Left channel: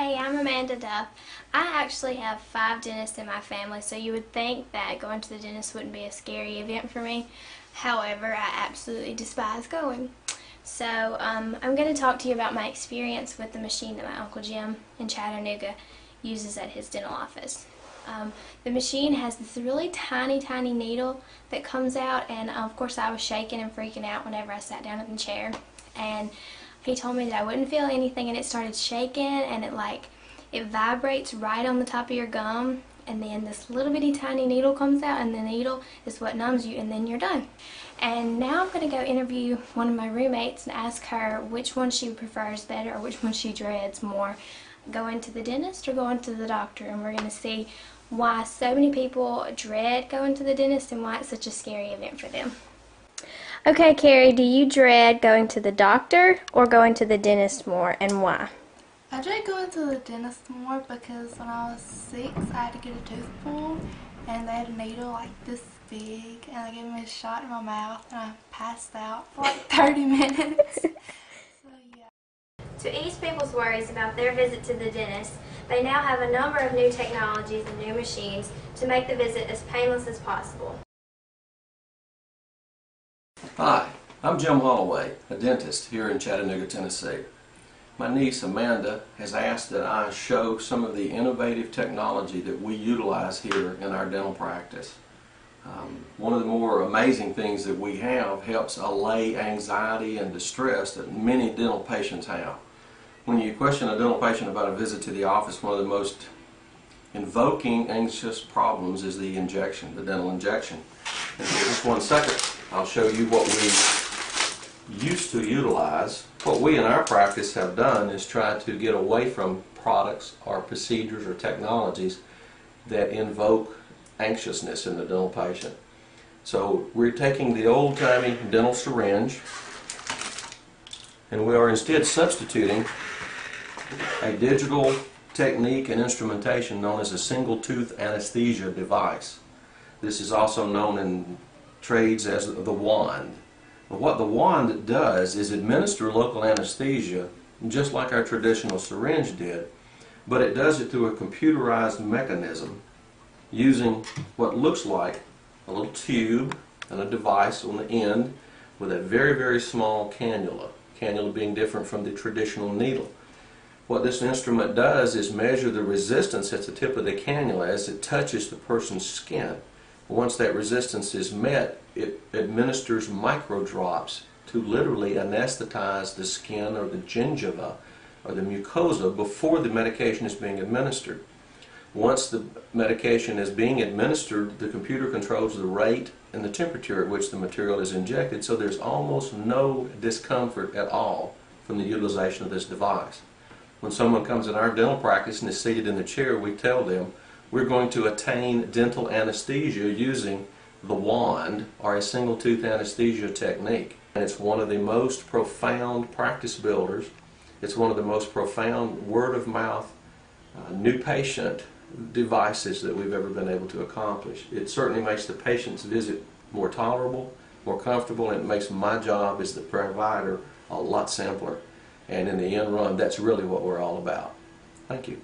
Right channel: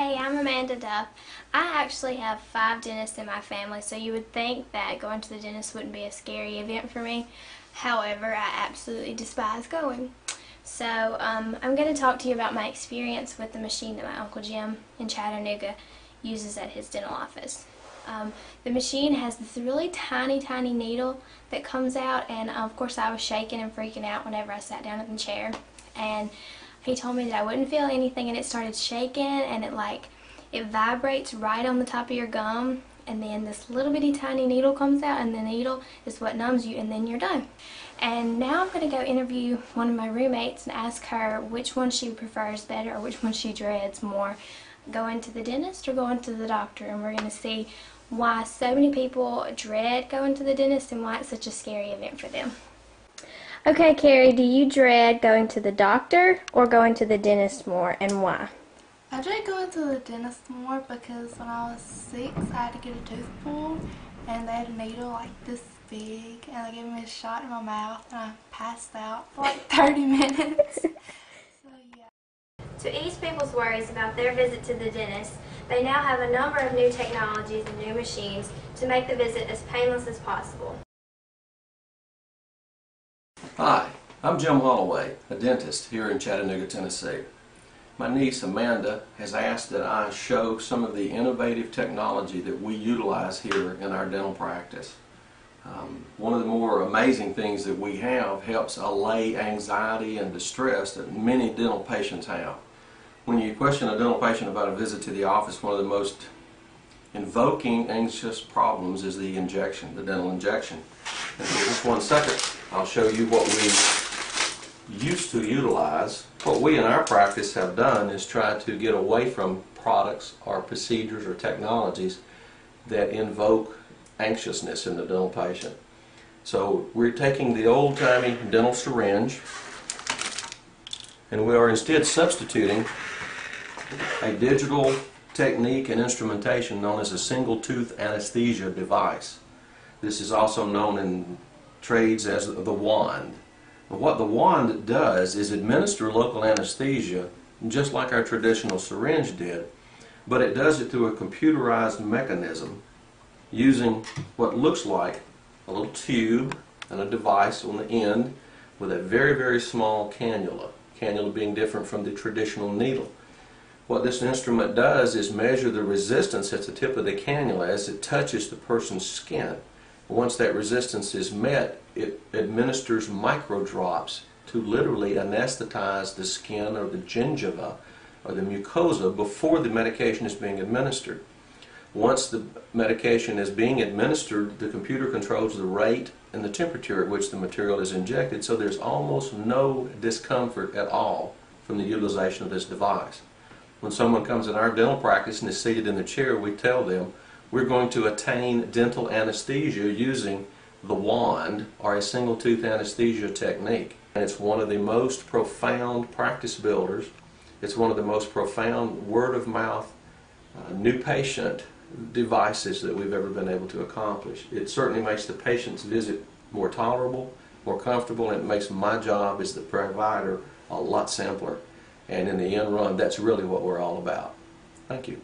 Hey, I'm Amanda Duff. I actually have 5 dentists in my family, so you would think that going to the dentist wouldn't be a scary event for me. However, I absolutely despise going. So I'm going to talk to you about my experience with the machine that my Uncle Jim in Chattanooga uses at his dental office. The machine has this really tiny needle that comes out, and of course I was shaking and freaking out whenever I sat down in the chair. And he told me that I wouldn't feel anything, and it started shaking, and it vibrates right on the top of your gum, and then this little bitty tiny needle comes out, and the needle is what numbs you, and then you're done. And now I'm going to go interview one of my roommates and ask her which one she prefers better, or which one she dreads more, going to the dentist or going to the doctor. And we're going to see why so many people dread going to the dentist and why it's such a scary event for them. Okay, Carrie, do you dread going to the doctor or going to the dentist more, and why? I dread going to the dentist more because when I was 6, I had to get a tooth pulled, and they had a needle like this big, and they gave me a shot in my mouth, and I passed out for like 30 minutes. So, yeah. To ease people's worries about their visit to the dentist, they now have a number of new technologies and new machines to make the visit as painless as possible. Hi, I'm Jim Holloway, a dentist here in Chattanooga, Tennessee. My niece Amanda has asked that I show some of the innovative technology that we utilize here in our dental practice. One of the more amazing things that we have helps allay anxiety and distress that many dental patients have. When you question a dental patient about a visit to the office, one of the most invoking anxious problems is the injection, the dental injection. And for just 1 second, I'll show you what we used to utilize. What we in our practice have done is try to get away from products or procedures or technologies that invoke anxiousness in the dental patient. So we're taking the old-timey dental syringe, and we are instead substituting a digital technique and instrumentation known as a single-tooth anesthesia device. This is also known in trades as the wand. What the wand does is administer local anesthesia just like our traditional syringe did, but it does it through a computerized mechanism using what looks like a little tube and a device on the end with a very small cannula being different from the traditional needle. What this instrument does is measure the resistance at the tip of the cannula as it touches the person's skin. Once that resistance is met, it administers micro drops to literally anesthetize the skin or the gingiva or the mucosa before the medication is being administered. Once the medication is being administered, the computer controls the rate and the temperature at which the material is injected, so there's almost no discomfort at all from the utilization of this device. When someone comes in our dental practice and is seated in the chair, we tell them we're going to attain dental anesthesia using the wand or a single tooth anesthesia technique. And it's one of the most profound practice builders. It's one of the most profound word of mouth new patient devices that we've ever been able to accomplish. It certainly makes the patient's visit more tolerable, more comfortable, and it makes my job as the provider a lot simpler. And in the end run, that's really what we're all about. Thank you.